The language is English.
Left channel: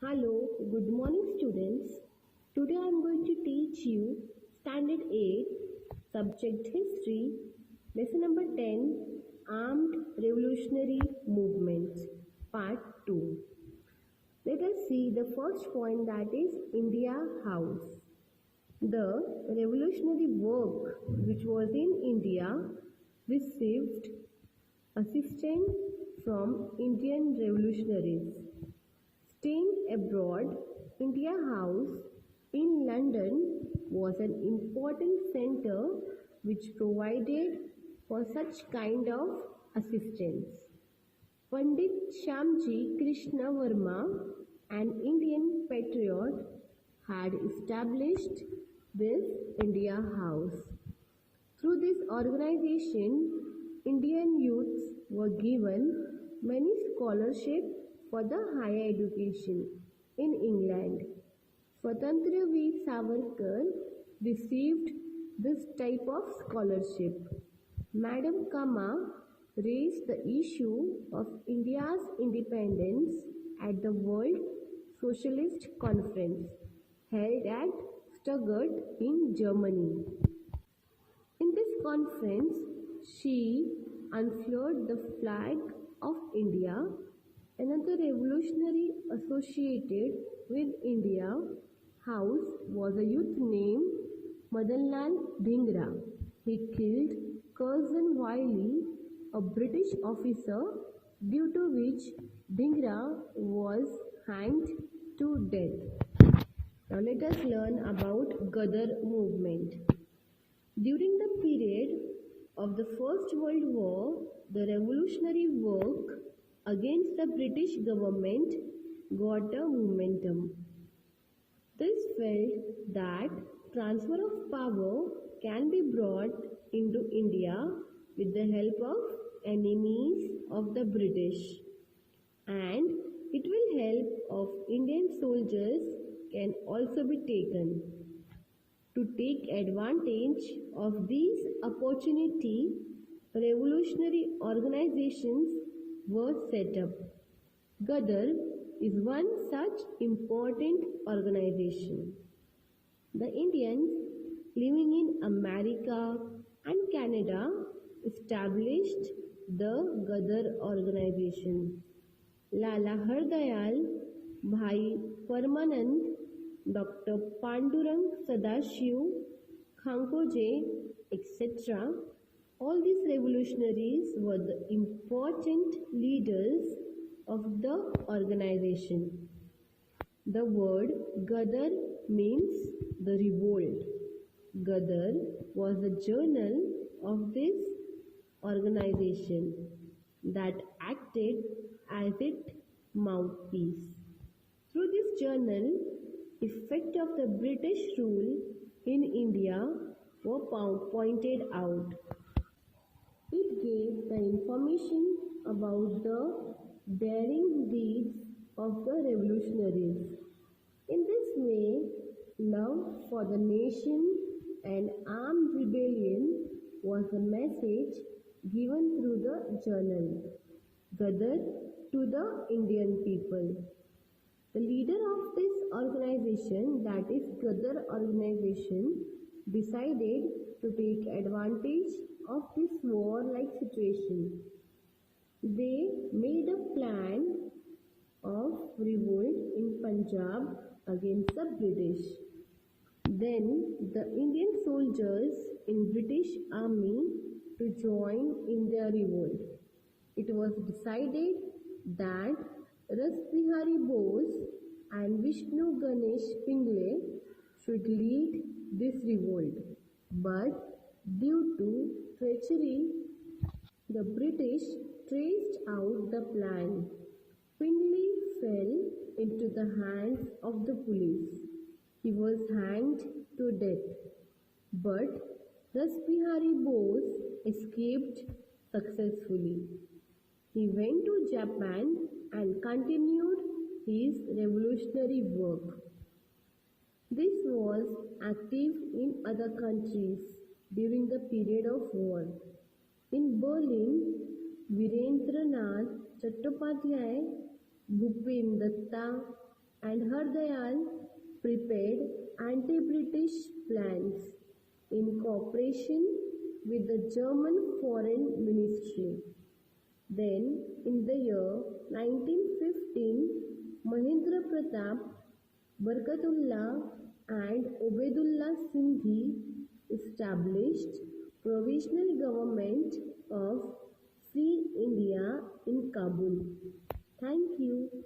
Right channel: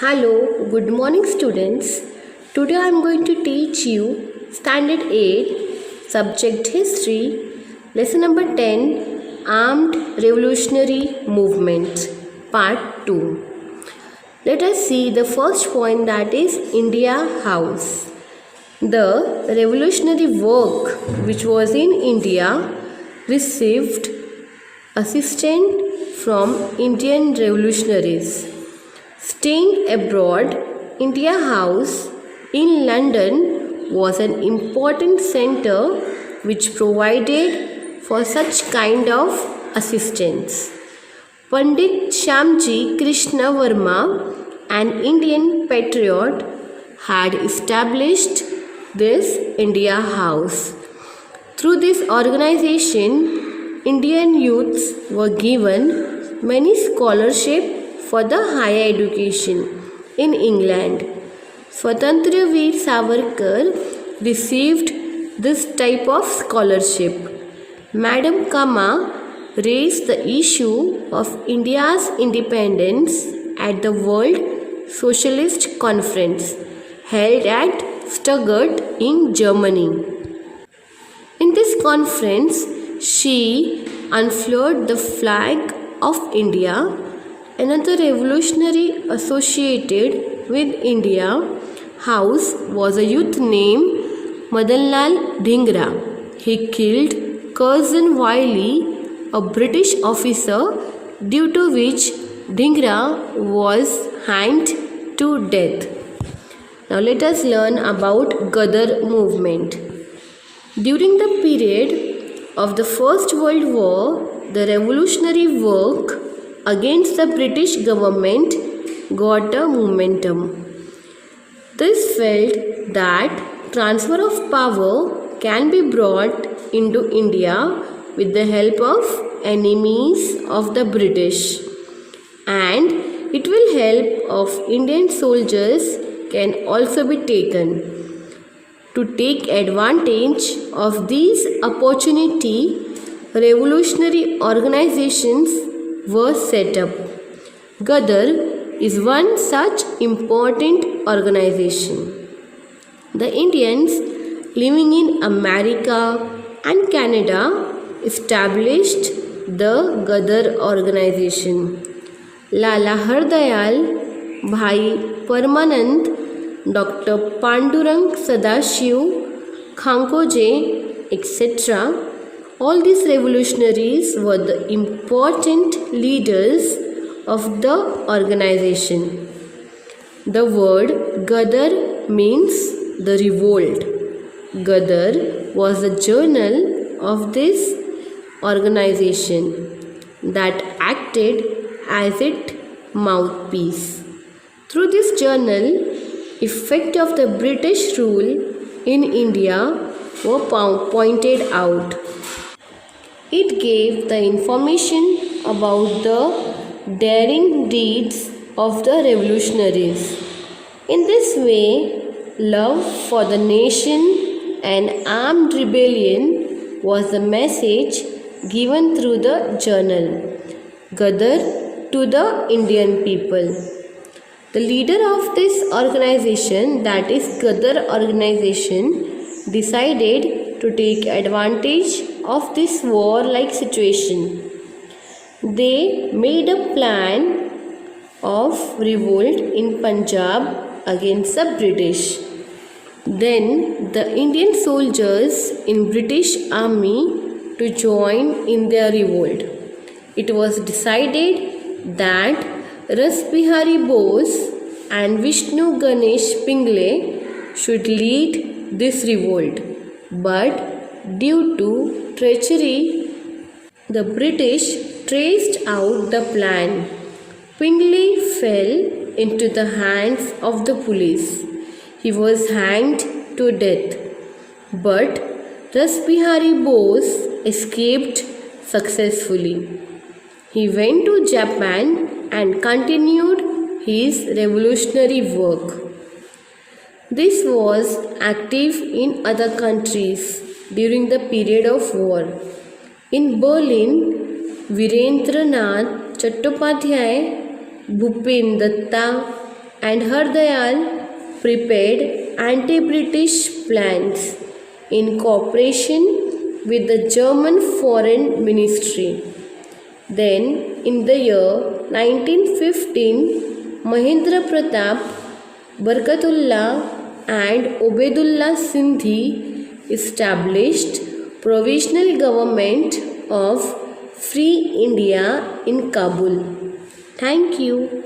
Hello, good morning students. Today I am going to teach you Standard 8, Subject History, Lesson number 10, Armed Revolutionary Movement, Part 2. Let us see the first point, that is India House. The revolutionary work which was in India received assistance from Indian revolutionaries. Staying abroad, India House in London was an important center which provided for such kind of assistance. Pandit Shyamji Krishna Verma, an Indian patriot, had established this India House. Through this organization, Indian youths were given many scholarships for the higher education in England. Swatantra Veer Savarkar received this type of scholarship. Madam Kama raised the issue of India's independence at the World Socialist Conference held at Stuttgart in Germany. In this conference, she unfurled the flag of India. Another revolutionary associated with India House was a youth named Madanlal Dhingra. He killed Curzon Wyllie, a British officer, due to which Dhingra was hanged to death. Now let us learn about Ghadar movement. During the period of the First World War, the revolutionary work against the British government got a momentum. This felt that transfer of power can be brought into India with the help of enemies of the British, and it will help of Indian soldiers can also be taken. To take advantage of these opportunity, revolutionary organizations were set up. Ghadar is one such important organization. The Indians living in America and Canada established the Ghadar organization. Lala Hardayal, Bhai Paramanand, Dr. Pandurang Sadashiv, Khankoje, etc. All these revolutionaries were the important leaders of the organization. The word Ghadar means the revolt. Ghadar was the journal of this organization that acted as its mouthpiece. Through this journal, effect of the British rule in India were pointed out. It gave the information about the daring deeds of the revolutionaries. In this way, love for the nation and armed rebellion was the message given through the journal, Ghadar, to the Indian people. The leader of this organization, that is Ghadar organization, decided to take advantage of this war-like situation. They made a plan of revolt in Punjab against the British. Then the Indian soldiers in British army to join in their revolt. It was decided that Ras Bihari Bose and Vishnu Ganesh Pingle should lead this revolt, but due to treachery, the British traced out the plan. Pingle fell into the hands of the police. He was hanged to death, but Ras Bihari Bose escaped successfully. He went to Japan and continued his revolutionary work. This was active in other countries during the period of war. In Berlin, Virendranath Chattopadhyay, Bhupen Datta and Hardayal prepared anti-British plans in cooperation with the German Foreign Ministry. Then, in the year 1915, Mahendra Pratap, Barkatullah and Obedullah Sindhi established provisional government of Free India in Kabul. Thank you.